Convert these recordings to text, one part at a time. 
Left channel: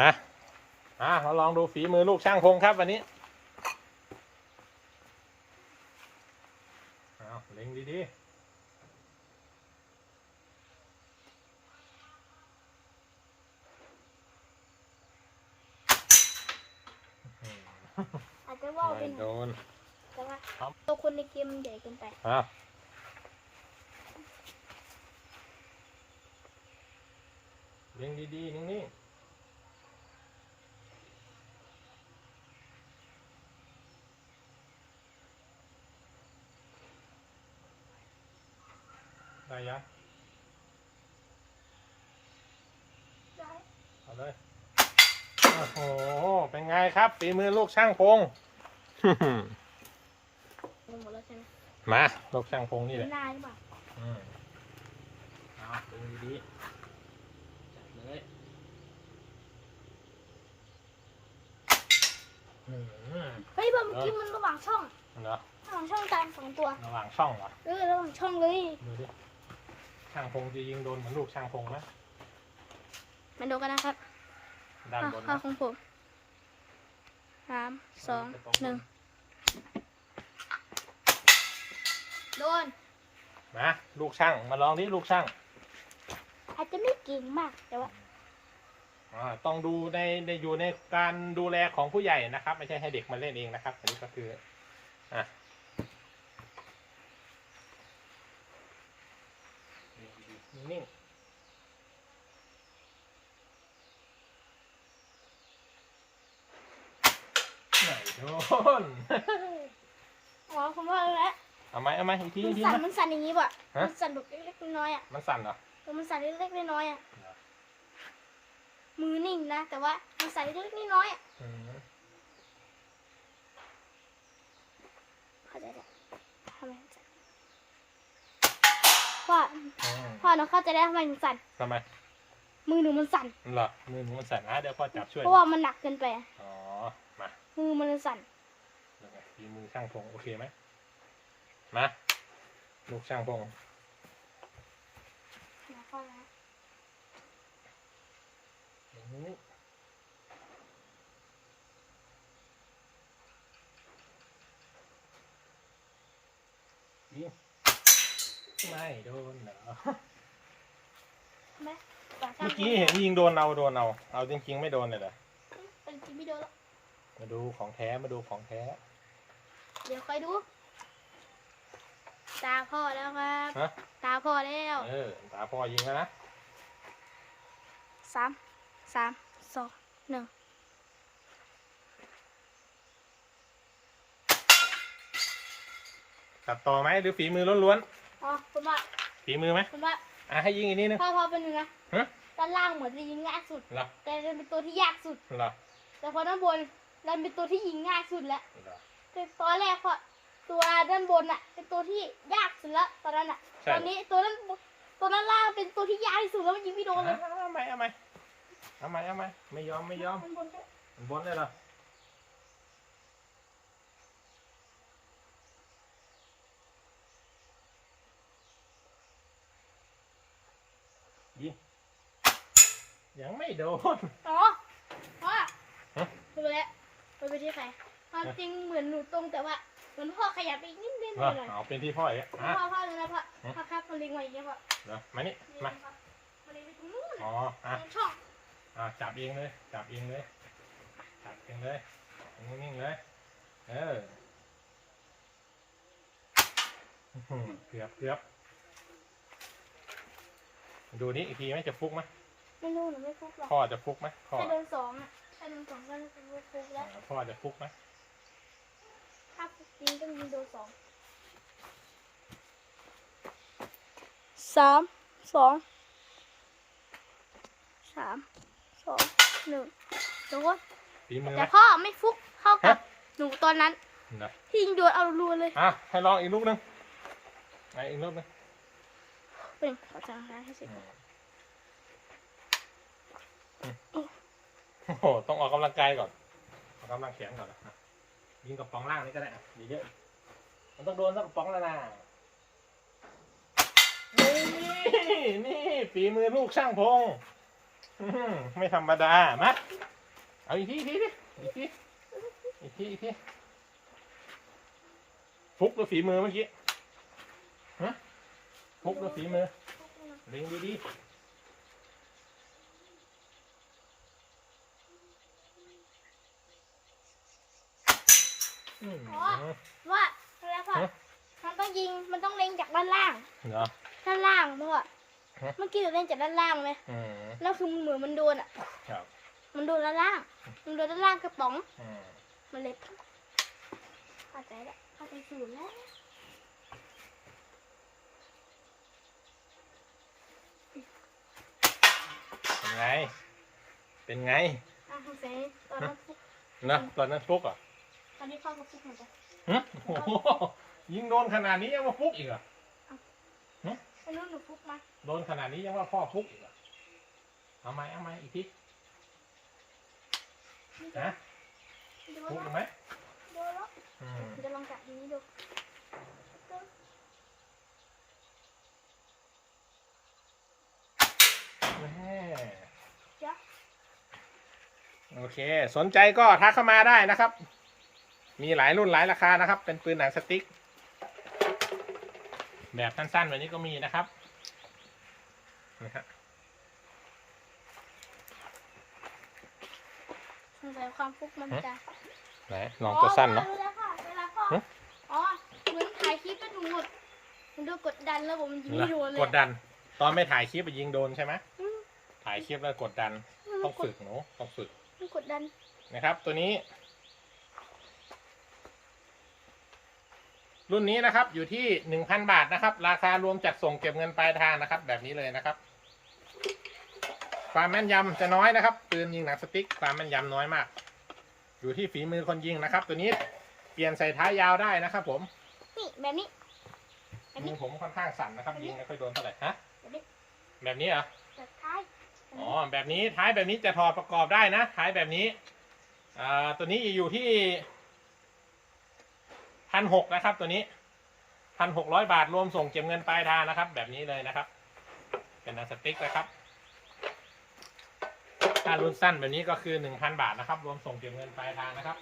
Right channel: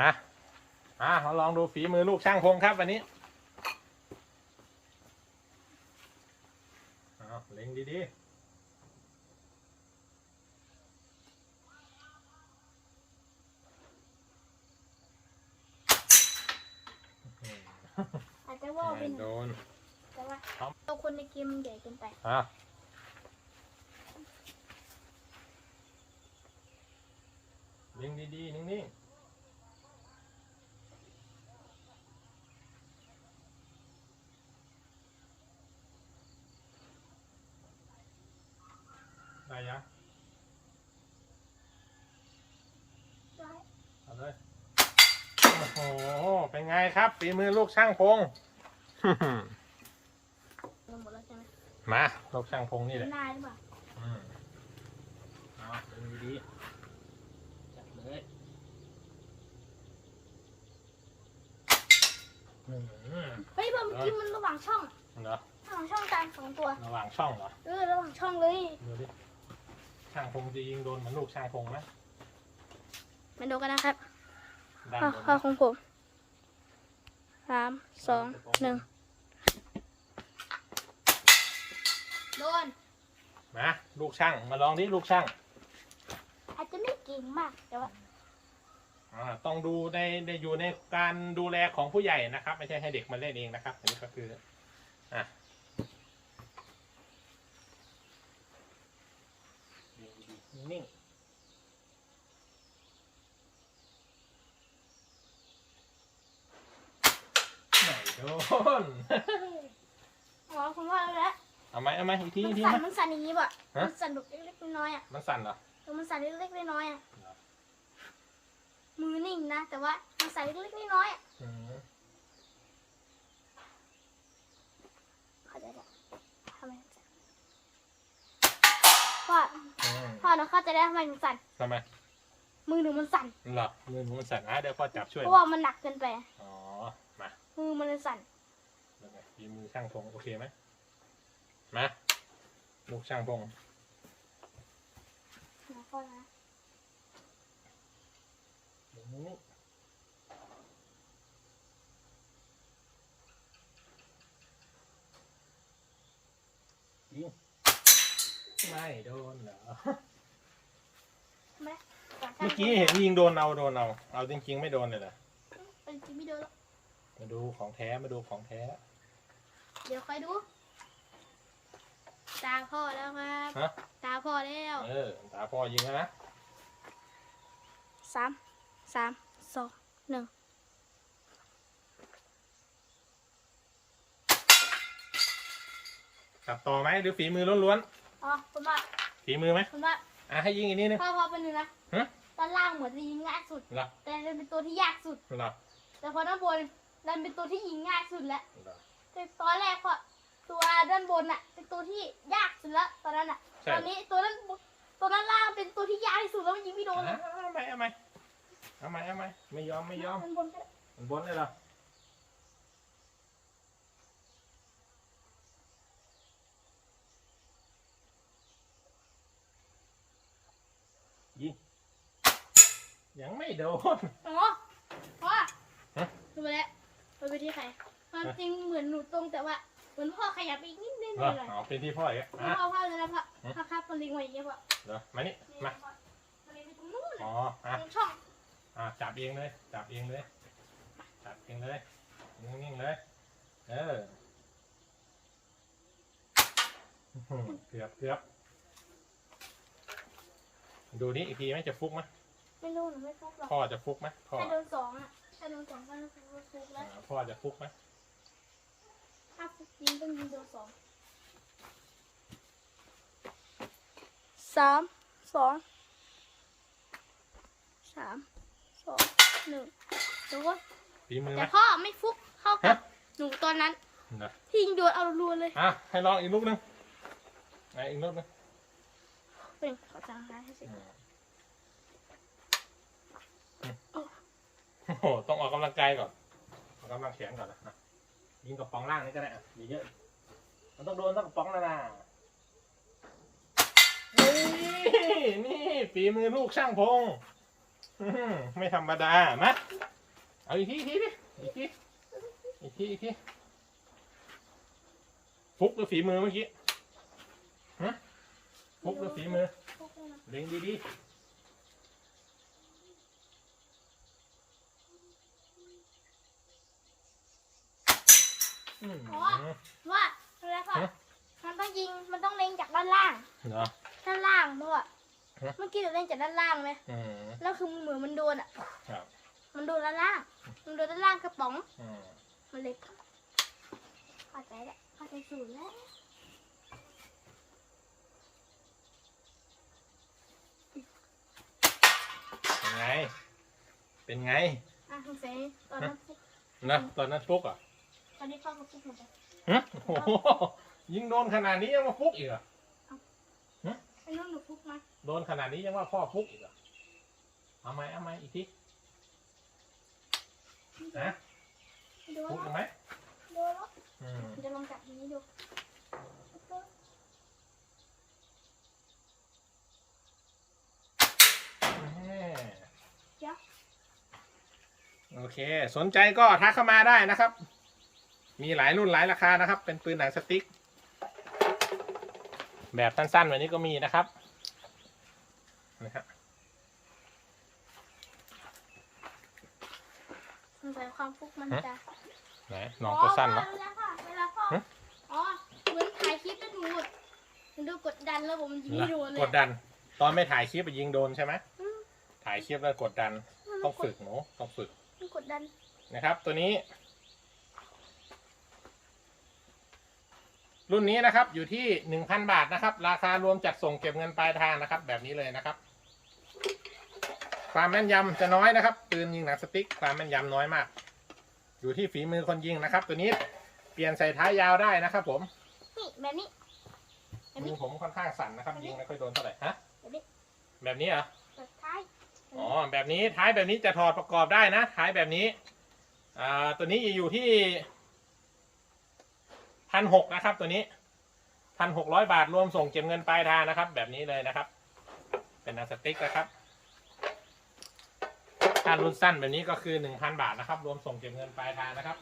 อะอะมาลองดูฝีมือลูกช่างพงครับวันนี้เอาเล็งดีๆอาจจะว่าวไปไม่หโดน่อยนแต่ว่าครับตัวคนในเกมมันใหญ่เกินไปอะเล็งดีๆนิ่งๆ ได้ยังได้เอาเลย โอ้โห เป็นไงครับฝีมือลูกช่างพง มันหมดแล้วใช่ไหมมา ลูกช่างพงนี่แหละได้หรือเปล่าอืมเอาดูดีๆจับเลยอืมเฮ้ยพอเมื่อกี้มันระหว่างช่อง เหรอระหว่างช่องกลางสองตัว ระหว่างช่องเหรอ เออระหว่างช่องเลย ดูดิ ช่างพงจะยิงโดนเหมือนลูกช่างพงไหมมาดูกันนะครับด้านข้อบนข้อของผมสามสองหนึ่งโดน มาลูกช่างมาลองดิลูกช่างอาจจะไม่เก่งมากแต่ว่าอ่าต้องดูในในอยู่ในการดูแลของผู้ใหญ่นะครับ ไม่ใช่ให้เด็กมาเล่นเองนะครับอันนี้ก็คืออะ นิ่งๆไหนโดน อ๋อผมว่าแล้วเอาไหมเอาไหมอีกทีมัอีนกทีสั่ไหมนมันสั่นอย่างนี้ป่ะฮะ มันสั่นแบบเล็กๆน้อยๆอะมันสั่นเหรอ มันสั่นเล็กๆน้อยๆอะเหรอมือนิ่งนะ แต่ว่ามันสั่นเล็กๆน้อยๆอะอืม เข้าใจแล้วทำไมมันสั่น ว่าอืมพ่อหนูเข้าใจได้วทำไมหนูสั่นทำไมมือหนูมันสั่นเหรอมือหนูมันสั่นอะเดี๋ยวพ่อจับช่วยเพราะว่ามันหนักเกินไปอ๋อมามือมันเลยสั่นยังไงฝีมือช่างพงโอเคไหมมาลูกช่างพงนะพ่อนะ อย่างนี้ยิง ไม่โดนเหรอแม่เมื่อกี้เห็นยิงโดนเอาโดนเอาเอาจริง ๆ ไม่โดนเลยเหรอเป็นจริงไม่เดินหรอกมาดูของแท้มาดูของแท้ เดี๋ยวคอยดู ตาพ่อแล้วครับ ฮะ ตาพ่อแล้วเออตาพ่อยิงแล้วนะสามสามสองหนึ่งตัดต่อไหมหรือฝีมือล้วน อ๋อผมว่าๆฝีมือไหมผมว่าอะให้ยิงอีกนิดนึง พ่อพ่อเป็นเนื้อฮะ ด้านล่างเหมือนจะยิงง่ายสุด เหรอแต่เป็นตัวที่ยากสุด เหรอแต่พอด้านบนดันเป็นตัวที่ยิงง่ายสุดแล้วเหรอ แต่ตอนแรกพอตัวด้านบนน่ะ เป็นตัวที่ยากสุดแล้วตอนนั้นอะใช่ ตอนนี้ตัวนั้นตัวด้านล่างเป็นตัวที่ยากที่สุดแล้วมันยิงไม่โดนเลยเอาไหมเอาไหมเอาไหมเอาไหมไม่ยอมไม่ยอมข้างบนก็บนเลยเหรอ ยังไม่โดน อ๋อพ่อฮะดูไปแล้วดูไปที่ใครความจริงเหมือนหนูตรงแต่ว่าเหมือนพ่อขยับไปอีกนิดนึงเหรอเลย เอาเป็นที่พ่ออีกพ่อะอพ่อเลยนะพ่อฮะ พ่อครับมันลิงมาอีกแล้วพ่อเหรอมานี่นี่มาพ่อมันลิงไปตรงนู้นอ๋ออะตรงช่องอะจับเองเลย จับเองเลย จับเองเลยนิ่งๆเลย เอออื้อหือเกือบเกือบดูนี่อีกทีไหมจะฟุกไหม ไม่รู้หนูไม่ฟุกหรอกพ่อจะฟุกไหมพ่อแค่โดนสองอะแค่โดนสองก็ฟุกแล้วอ่าพ่อจะฟุกไหมถ้าฟุกจริงต้องยิงโดนสองสามสองสามสองหนึ่งเดี๋ยวก่อนฝีมือไหมแต่พ่อไม่ฟุกเท่ากับฮะหนูตอนนั้นนะที่ยิงโดนเอารัวเลยอะให้ลองอีกลูกหนึงไหนอีกลูกหนึงเป็นขอจำได้ให้สิ อืมอืมโอ้โห ต้องออกกำลังกายก่อนออกกำลังแขนก่อนนะอะยิงกับป๋องล่างนี่ก็ได้อะมีเยอะ มันต้องโดนสักกระป๋องแล้วนะนี่นี่ฝีมือลูกช่างพงอื้อหือไม่ธรรมดามาเอาอีกทีอีกทีอีกทีอีกทีอีกทีฟุกหรือฝีมือเมื่อกี้ฮะฟุกหรือฝีมือ พกมันเล็งดีๆ อืมว่าแล้วก็ฮะมันต้องยิงมันต้องเล็งจากด้านล่าง เหรอ ด้านล่างด้วยฮะ เมื่อกี้เราเล่นจากด้านล่างไหมอืมแล้วคือเหมือนมันโดนอะ ครับมันโดนด้านล่าง มันโดนด้านล่างกระป๋อง อืมมันเลยเข้าใจแล้วเข้าใจสูตรแล้วเป็นไง เป็นไงอะสงสัยตอนนั้นฟุกนะตอนนั้นฟุกอะ ตอนนี้พ่อกับฟุกเหมือนกันฮะโอ้โหยิงโดนขนาดนี้ยังมาฟุกอีกเหรอะไอ้น้องหนูฟุกมาโดนขนาดนี้ยังว่าพ่อฟุกอีกเหรอะเอาไหมเอาไหมอีกทีนะโดนฟุกแล้วไหมโดนแล้วอืมจะลองจับนี้ดูแม่จ้ะโอเค สนใจก็ทักเข้ามาได้นะครับ มีหลายรุ่นหลายราคานะครับ เป็นปืนหนังสติ๊ก แบบสั้นๆแบบนี้ก็มีนะครับนะครับสงสัยความฟุกมันจะไหนลองตัวสั้นนะอ๋อเวลาพ่อเวลาพ่อหึ อ๋อเหมือนถ่ายคลิปก็ดูหมดมันดูกดดันแล้วผมยิงไม่โดนเลยกดดัน ตอนไม่ถ่ายคลิปไปยิงโดนใช่ไหมอืมถ่ายคลิปแล้วกดดัน ต้องฝึกหนูต้องฝึก มันกดดันนะครับ ตัวนี้ รุ่นนี้นะครับอยู่ที่หนึ่งพันบาทนะครับ ราคารวมจัดส่งเก็บเงินปลายทางนะครับ แบบนี้เลยนะครับ ความแม่นยำจะน้อยนะครับปืนยิงหนังสติ๊กความแม่นยำน้อยมาก อยู่ที่ฝีมือคนยิงนะครับ ตัวนี้เปลี่ยนใส่ท้ายยาวได้นะครับ ผมนี่แบบนี้แบบมืนี้อผมค่อนข้างสั่นนะครับ ยิงไม่ค่อยโดนเท่าไหร่ฮะแบบนี้แบบนี้เหรอแบบท้ายแบบอ๋อนี้แบบนี้ท้ายแบบนี้จะถอดประกอบได้นะ ท้ายแบบนี้อ่าตัวนี้อยู่ที่ พันหกนะครับ ตัวนี้พันหกร้อยบาทรวมส่งเก็บเงินปลายทางนะครับ แบบนี้เลยนะครับ เป็นหนังสติ๊กนะครับถ้ารุ่นสั้นแบบนี้ก็คือหนึ่งพันบาทนะครับ รวมส่งเก็บเงินปลายทางนะครับ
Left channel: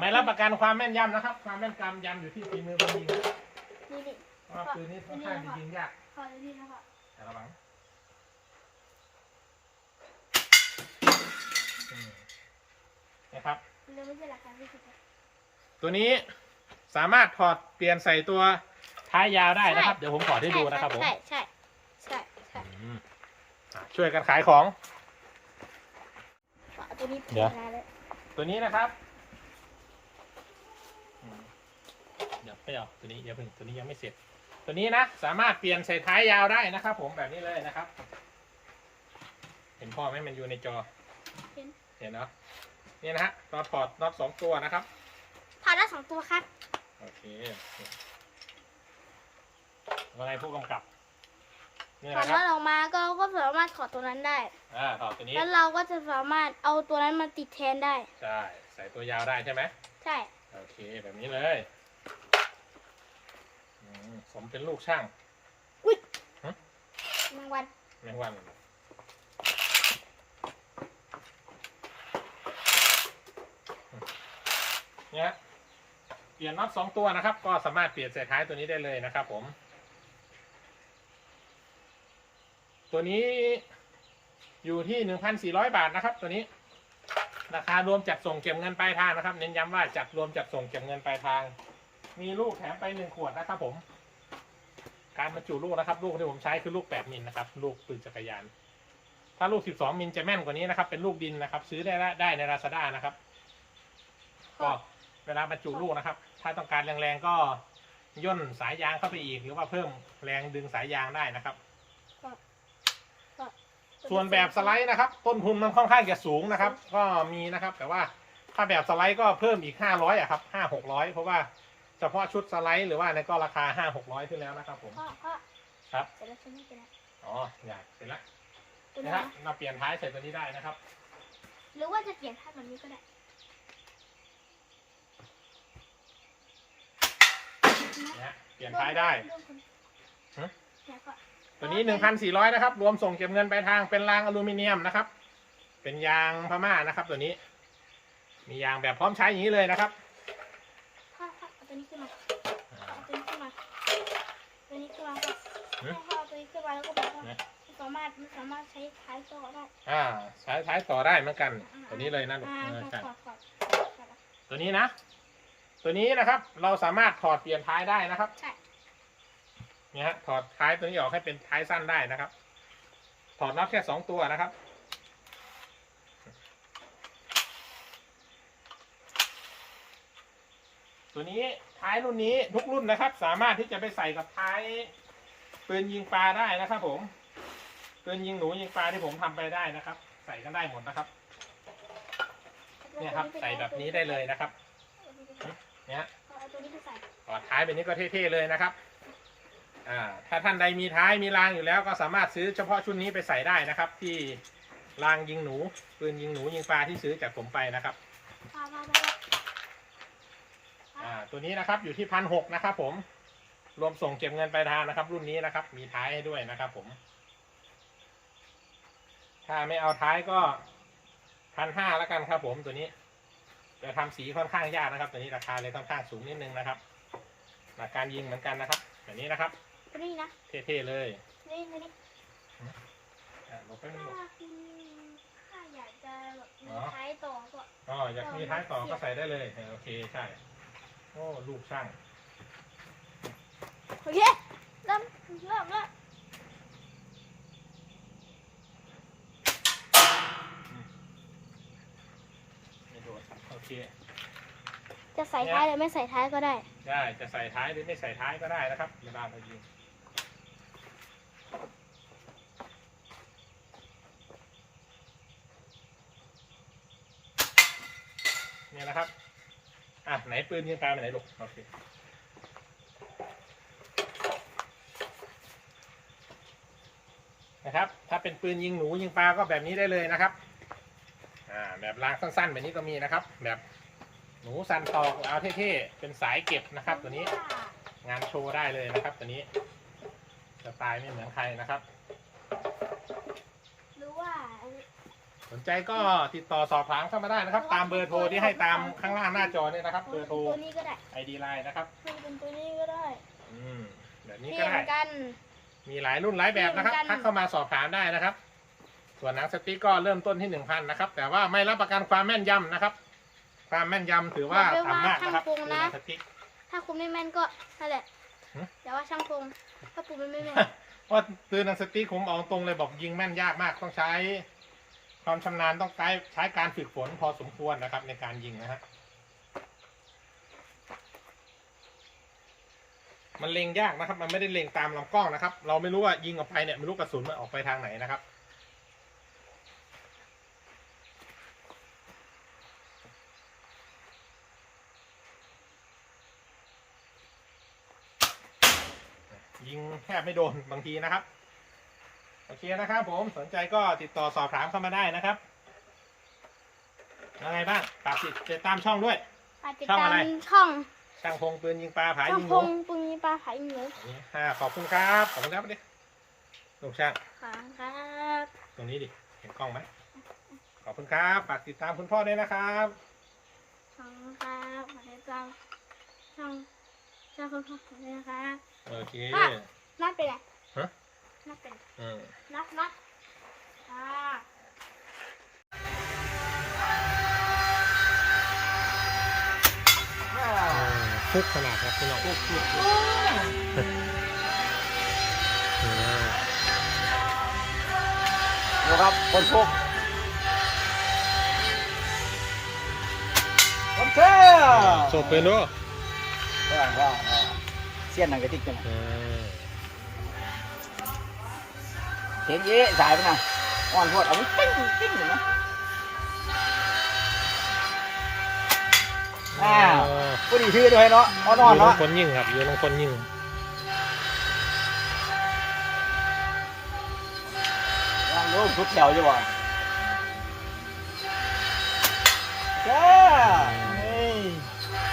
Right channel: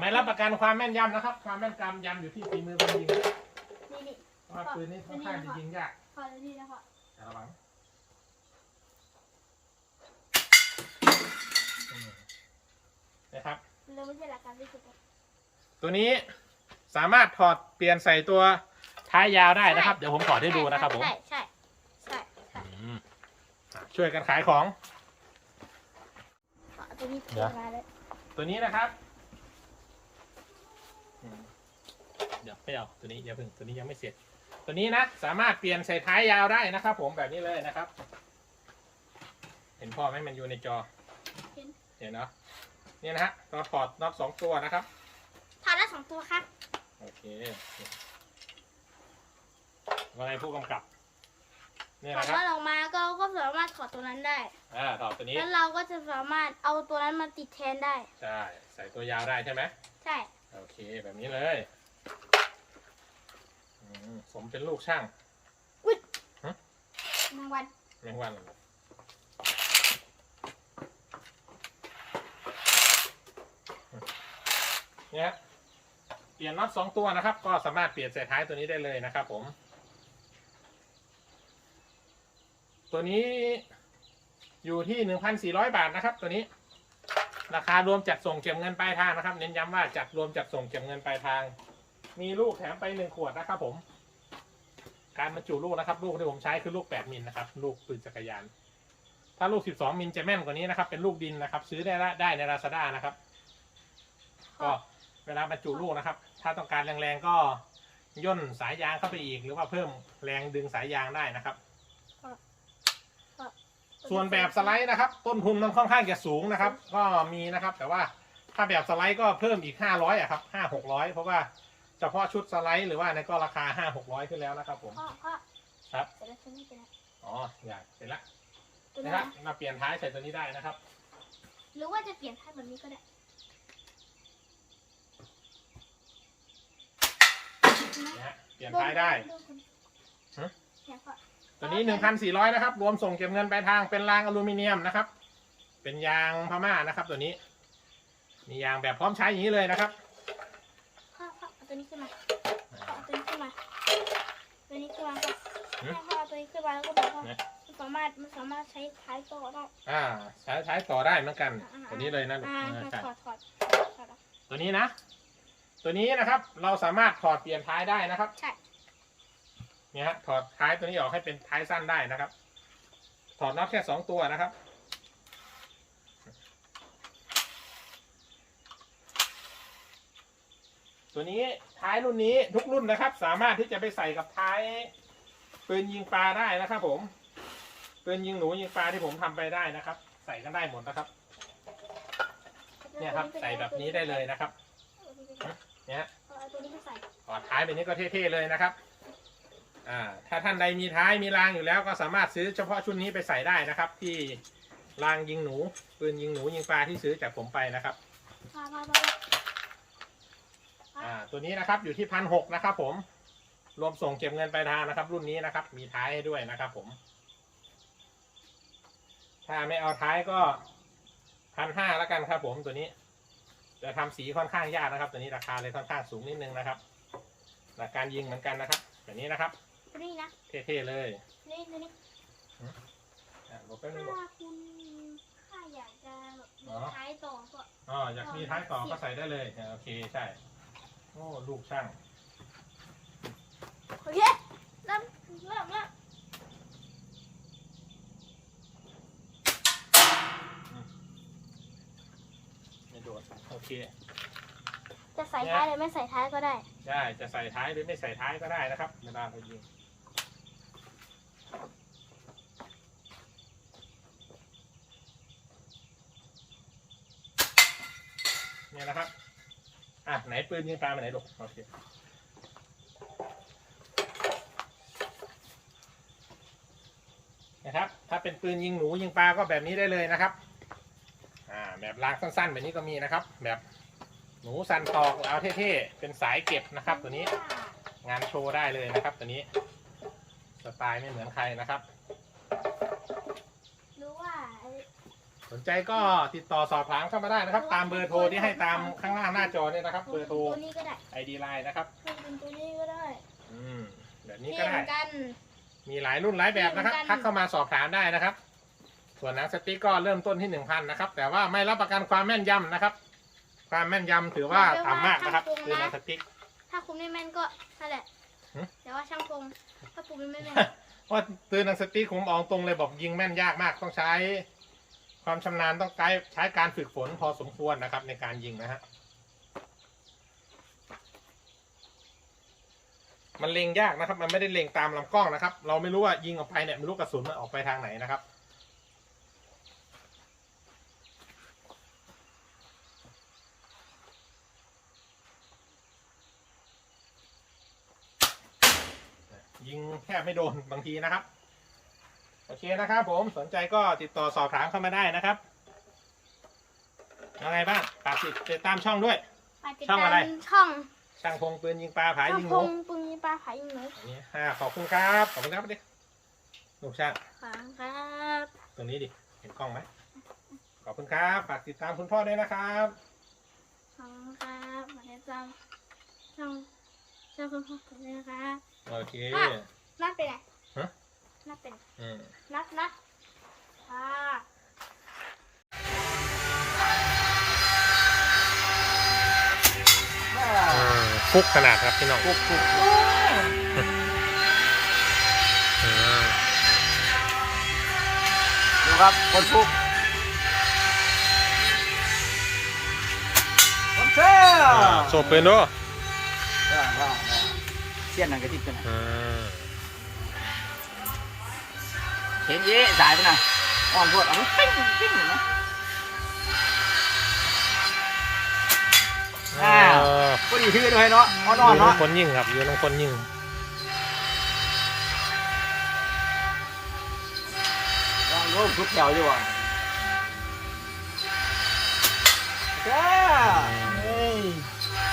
ไม่รับประกันความแม่นยำนะครับ ความแม่นยำอยู่ที่ฝีมือคนยิงนะนี่ดิเพราะว่าปืนนี้ค่อนข้างจะยิงยากขอเลยดีนะคะแต่ระวังอืมนะครับมันเลยไม่ใช่ราคาที่สุดตัวนี้ สามารถถอดเปลี่ยนใส่ตัวท้ายยาวได้นะครับ เดี๋ยวผมถอดให้ดูนะครับผมใช่ใช่ใช่ใช่อืมอะช่วยกันขายของ ตัวนี้เดี๋ยวนานแล้วตัวนี้นะครับอืมเดี๋ยวไม่เอาตัวนี้อย่าเพิ่งตัวนี้ยังไม่เสร็จ ตัวนี้นะสามารถเปลี่ยนใส่ท้ายยาวได้นะครับ ผมแบบนี้เลยนะครับ เห็นพ่อไหมมันอยู่ในจอ เห็นเห็นเนาะนี่นะฮะเราถอดน็อตสองตัวนะครับ ถอดได้สองตัวครับ โอเคว่าไงผู้กำกับนี่ถอนะดครับน็อตออกมาก็ก็สามารถถอดตัวนั้นได้ อ่าถอดตัวนี้ แล้วเราก็จะสามารถเอาตัวนั้นมาติดแทนได้ ใช่ ใส่ตัวยาวได้ใช่ไหม ใช่ โอเค แบบนี้เลยอืมผมเป็นลูกช่างแมงวันแมงวันเหรอเนี่ยครับเปลี่ยนน็อตสองตัวนะครับ ก็สามารถเปลี่ยนใส่ท้ายตัวนี้ได้เลยนะครับ ผม ตัวนี้อยู่ที่หนึ่งพันสี่ร้อยบาทนะครับ ตัวนี้ ราคารวมจัดส่งเก็บเงินปลายทางนะครับ เน้นย้ำว่าจัดรวมจัดส่งเก็บเงินปลายทาง มีลูกแถมไปหนึ่งขวดนะครับ ผม การบรรจุลูกนะครับ ลูกที่ผมใช้คือลูกแปดมิลนะครับ ลูกปืนจักรยาน ถ้าลูกสิบสองมิลจะแม่นกว่านี้นะครับ เป็นลูกดินนะครับ ซื้อได้ได้ในราซาด้านะครับ ก็เวลาบรรจุลูกนะครับ ถ้าต้องการแรงๆก็ย่นสายยางเข้าไปอีก หรือว่าเพิ่มแรงดึงสายยางได้นะครับ ส่วนแบบสไลด์นะครับ ต้นทุนมันค่อนข้างจะสูงนะครับ ก็มีนะครับ แต่ว่าถ้าแบบสไลด์ก็เพิ่มอีกห้าร้อยอะครับห้าหกร้อยเพราะว่าเฉพาะชุดสไลด์หรือว่าในก็ราคาห้าหกร้อยขึ้นแล้วนะครับ ผมพ่อพ่อครับเสร็จแล้วใช่ไหมเสร็จแล้วอ๋ออยากเสร็จแล้วตัวนะนี้ครับมาเปลี่ยนท้ายใส่ตัวนี้ได้นะครับ หรือว่าจะเปลี่ยนท่าแบบนี้ก็ได้ นะฮะเปลี่ยนท้ายได้โนคนฮะเนี่ยพ่อตัวนี้หนึ่งพันสี่ร้อยนะครับ รวมส่งเก็บเงินปลายทางเป็นรางอลูมิเนียมนะครับ เป็นยางพม่านะครับ ตัวนี้ มียางแบบพร้อมใช้อย่างนี้เลยนะครับพ่อพ่อเอาตัวนี้ขึ้นมาพ่อเอาตัวนี้ขึ้นมา ตัวนี้ขึ้นมาพ่อหืมพ่อเอาตัวนี้ขึ้นมาแล้วก็บอกว่าไหนมันสามารถมันสามารถใช้ท้ายต่อได้อ่าใช้ใช้ต่อได้เหมือนกันอ่าตัวนี้เลยนะลูกอ่าเออใช่ถอดถอดถอดอะตัวนี้นะ ตัวนี้นะครับ เราสามารถถอดเปลี่ยนท้ายได้นะครับ ใช่ เนี่ยฮะถอดท้ายตัวนี้ออกให้เป็นท้ายสั้นได้นะครับ ถอดน็อตแค่สองตัวนะครับ ตัวนี้ท้ายรุ่นนี้ทุกรุ่นนะครับ สามารถที่จะไปใส่กับท้ายปืนยิงปลาได้นะครับผมปืนยิงหนูยิงปลาที่ผมทำไปได้นะครับ ใส่กันได้หมดนะครับ เนี่ยครับ ใส่แบบนี้ได้เลยนะครับ เนี่ยฮะเอาตัวนี้ไปใส่ถอดท้ายแบบนี้ก็เท่ๆเลยนะครับ อ่า ถ้าท่านใดมีท้ายมีรางอยู่แล้วก็สามารถซื้อเฉพาะชุดนี้ไปใส่ได้นะครับ ที่รางยิงหนูปืนยิงหนูยิงปลาที่ซื้อจากผมไปนะครับพาพาพาอ่า ตัวนี้นะครับอยู่ที่พันหกนะครับ ผม รวมส่งเก็บเงินปลายทางนะครับ รุ่นนี้นะครับ มีท้ายให้ด้วยนะครับ ผม ถ้าไม่เอาท้ายก็พันห้าแล้วกันครับ ผมตัวนี้ จะทำสีค่อนข้างยากนะครับ ตัวนี้ราคาเลยค่อนข้างสูงนิดนึงนะครับหลักการยิงเหมือนกันนะครับ แบบนี้นะครับตัวนี้นะเท่ๆเลยตัวนี้ตัวนี้อะหลบไปบนึงหลบถ้าคุณถ้าอยากจะแบบมีอ๋อท้ายต่อก็อ๋ออยากมีท้ายต่อก็ใส่ได้เลยอะโอเคใช่โอ้ลูกช่างโอเคเริ่มเริ่มเริ่ม ไม่โดนโอ เค จะใส่ท้ายหรือไม่ใส่ท้ายก็ได้ ได้ จะใส่ท้ายหรือไม่ใส่ท้ายก็ได้นะครับเวลาเรายิงเนี่ยนะครับ อะ ไหนปืนยิงปลาไปไหนลูกโอเคนะครับ ถ้าเป็นปืนยิงหนูยิงปลาก็แบบนี้ได้เลยนะครับ อ่าแบบลางสั้นๆแบบนี้ก็มีนะครับ แบบหนูสันตอกเอาเท่ๆเป็นสายเก็บนะครับ ตัวนี้งานโชว์ได้เลยนะครับ ตัวนี้สไตล์ไม่เหมือนใครนะครับรู้ว่าสนใจก็ติดต่อสอบถามเข้ามาได้นะครับ ตามเบอร์โทรที่ให้ตามข้างล่างหน้าจอนี่นะครับ เบอร์โทรตัวนี้ก็ได้ ID Line นะครับให้เป็นตัวนี้ก็ได้อืมแบบนี้เปก็ลี่ยได้นกัน มีหลายรุ่นหลายแบบนะครับเหมือนกันทักเข้ามาสอบถามได้นะครับ ส่วนหนังสติ๊กก็เริ่มต้นที่หนึ่งพันนะครับ แต่ว่าไม่รับประกันความแม่นยำนะครับ ความแม่นยำถือว่าต่ำมากนะครับคือหนังสติ๊ก ถ้าคุณไม่แม่นก็นั่นแหละหึ แต่ว่าช่างคงถ้าคุณไม่แม่นว่าปืนหนังสติ๊กผมเอาตรงเลยบอกยิงแม่นยากมากต้องใช้ ความชำนาญต้องใช้ใช้การฝึกฝนพอสมควรนะครับ ในการยิงนะฮะมันเล็งยากนะครับ มันไม่ได้เล็งตามลำกล้องนะครับ เราไม่รู้ว่ายิงออกไปเนี่ยไม่รู้กระสุนมันออกไปทางไหนนะครับ ยิงแทบไม่โดนบางทีนะครับ โอเคนะครับผมสนใจก็ติดต่อสอบถามเข้ามาได้นะครับยังไงบ้างฝากติดตามช่องด้วยฝากติดช่องอะไรตามช่อง ช่างพงปืนยิงปลาผายิงหนูช่อปุงยิงปลาขายยิงหนูอันนี้อ่าขอบคุณครับ ขอบคุณครับดิลูกช่างขอบคุณครับ ตรงนี้ดิ เห็นกล้องไหม ขอบคุณครับ ฝากติดตามคุณพ่อด้วยนะครับขอบคุณครับฝากติดตามช่องช่องคุณพ่อผมด้วยนะคะโอเคนับเป็นไงฮะนับเป็นอืมนับนับอ่าฟุกขนาดครับพี่น้องปุ๊บปุ๊บโอ้อืมนะครับคนปุ๊บโอเคอ่าโซปืนด้วยว่าว่า เสี้ยนหนังกระติกจังอ่าเห็นเย้สายไปนะอ่อนรวดเอามันปิ้งปิ้งเห็นไหมอ่าก็ดีชื่อด้วยเนาะเอานออนยู่น้องเนาะคนยิ่งครับ อยู่น้องคนยิ่งรู้ทุกเหนียวอยู่อะ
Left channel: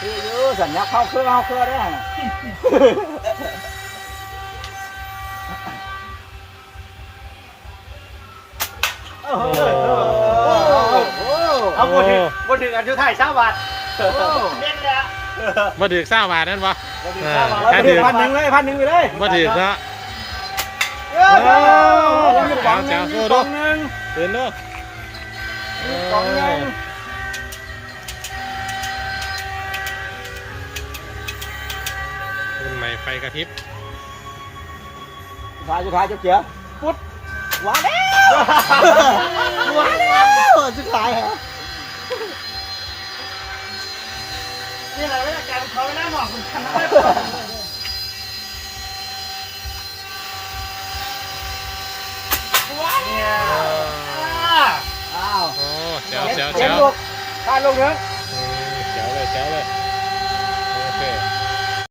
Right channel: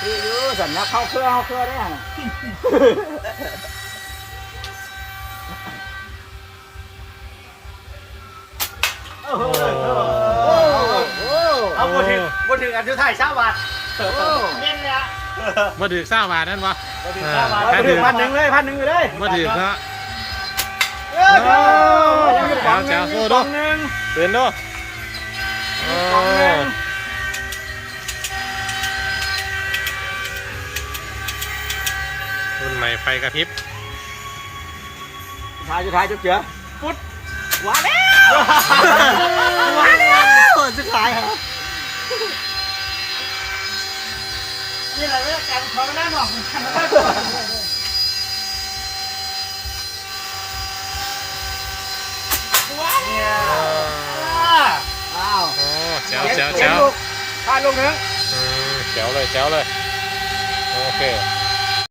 คืออยู่สัญญาเข้าเครื่อเข้าเครื่อได้ไงโอ้โหโอ้บ่ถึงบ่ถึงอันสุดท้ายชาวบ้านเด่นเลยมาถือเศร้าบาทนั่นวะอ่าแค่ถือพันหนึ่งเลยพันหนึ่งไปเลยมาถือซะโอ้แจ๋วแจ๋วสู้ดูตื่นดู รุ่นใหม่ไฟกระพริบท้ายสุดท้ายจะเจือพุดว้าแล้วว้าแล้วสุดท้ายเหรอนี่อะไรไม่ได้การขอเวลาหน่อยมันทำอะไรตัวอ่าอ้าวโอ้แจ๋วแจ๋วแจ๋วพาลงนะอืมแจ๋วเลยแจ๋วเลย โอเค